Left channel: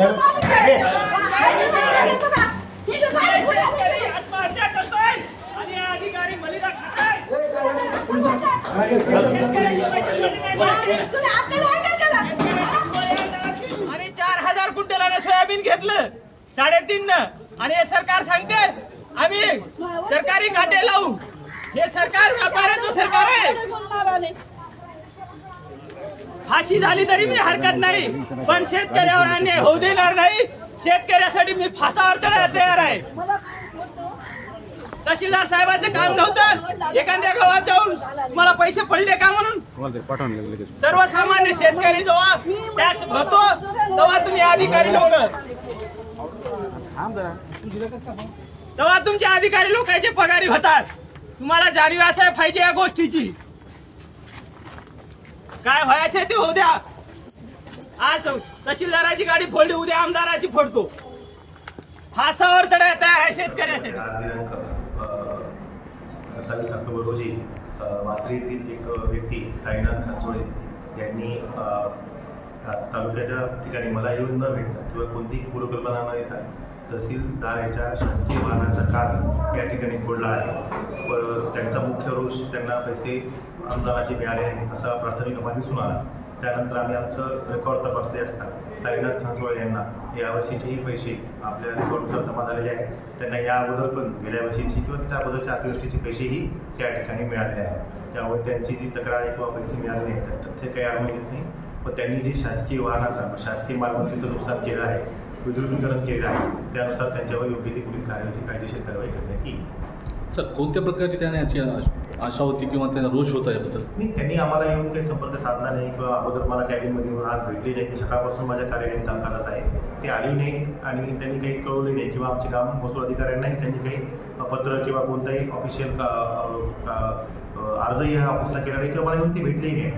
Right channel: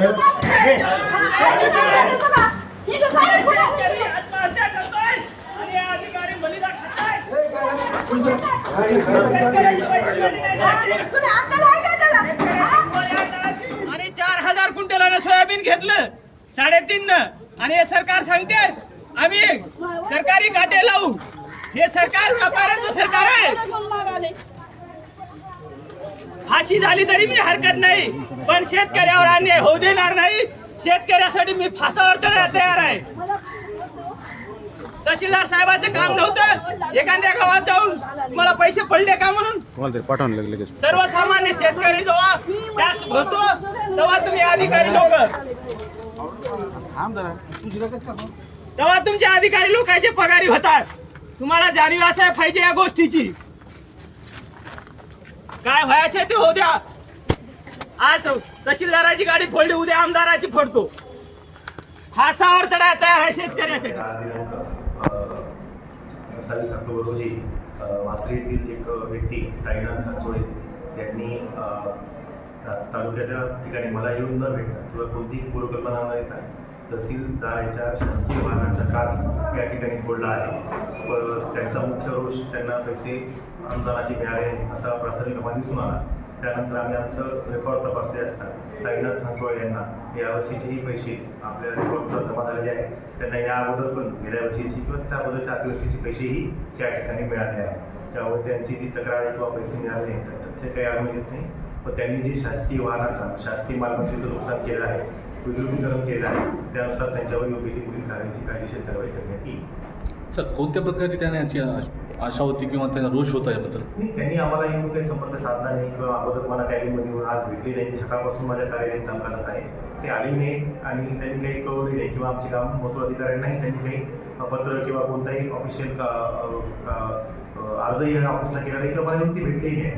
आत्महत्या करतोय आणि अधिकारी बलिदान खाताय. आणि 4000 क्विंटलानं सोयाबीन घेतलं 3.5 आणि हे सरकार सांगते आम्ही सरकारी काटे लावू. हे सरकार व्यापाऱ्याचं सरकार आहे. फाशी झाली तरी मी हरकत नाही, पण शेतकऱ्यावर अन्याय होऊ देणार नाही. शेतकऱ्यासाठी मी फासावर चढायला तयार आहे. तहसीलदार साहेबांचं काम नव्हतं एखाद्या गावात जाऊन मला पैसे पडले का म्हणून. सर्वसामान्य शेतकरी जेव्हा टॅक्स भरतो तेव्हा तुम्ही अधिकारी लोक तेव्हा तुमचे अधिकारी लोकांचे पगारी होतात. तुम्हाला जाणीव असाय पाहिजे या गोष्टीची. काय व्हायचे ते होऊ द्या. आज तहसीलदाराची गाडी फोडली, उद्या आमदाराची फोडतो. फासावर चढायला तयार आहे शेतकऱ्यासाठी. 27 ऑक्टोबर रोजी वासरी येथील एक व्यक्ती साईनाथ खानचोळे यांनी तालुक्याच्या ठिकाणी मला येऊन न भेटता किंवा कोणतीही पूर्वकल्पना न देता तहसीलदार यांच्या शासकीय वाहनाचा काच या ठिकाणी फोडला आहे. त्यांचा मुख्य रोष त्यांना पैसे अनुदानाचे मिळाले नाही असा प्राथमिक अहवाल दिसून आला. त्यानंतर आम्ही आमचं रेकॉर्ड तपासले असता साईनाथ खानसोळे यांना यावर्षीचेही पैसे आपल्या रेकॉर्डनुसार जमा झालेले आहेत. त्यांना या अगोदर पण गेल्या वर्षीची किंवा त्या अगोदरच्या अतिवृष्टीचे पैसेही त्या ठिकाणी मिळाले आहेत. त्यामुळे त्यांची जी तक्रार आहे किंवा पैसे मिळाले नाही तर तथ्य काही आढळून येत नाही. व त्यांनी जे शासकीय वाहनाचा शासकीय मालमत्तेचं नुकसान केलं आहे, विद्रुपीकरण केलं आहे, त्यानुसार त्यांच्यावर योग्य ती पुढील कायदेशीर कारवाई करण्यात येईल. सर, कोणत्या प्रकारची त्यांना याची आशा होती किंवा त्यांना रोष होता याबद्दल? नाही, त्यांनी आम्हाला येऊन काही संपर्क साधला नाही किंवा अगोदर मला कॅबिनमध्ये येऊन आज भेटली नाही. सकाळपासून माझ्या कार्यालयात काम करत आहे, ते आली नाहीत आणि त्यांनी काही कळवले नाही किंवा आमचे काम महसूल अधिकाऱ्यांनाही त्यांनी काही पत्र किंवा कोणताही ऑफिशियल अर्जही या ऑफिसला केला नाही किंवा मला येऊन ती भेटली नाही.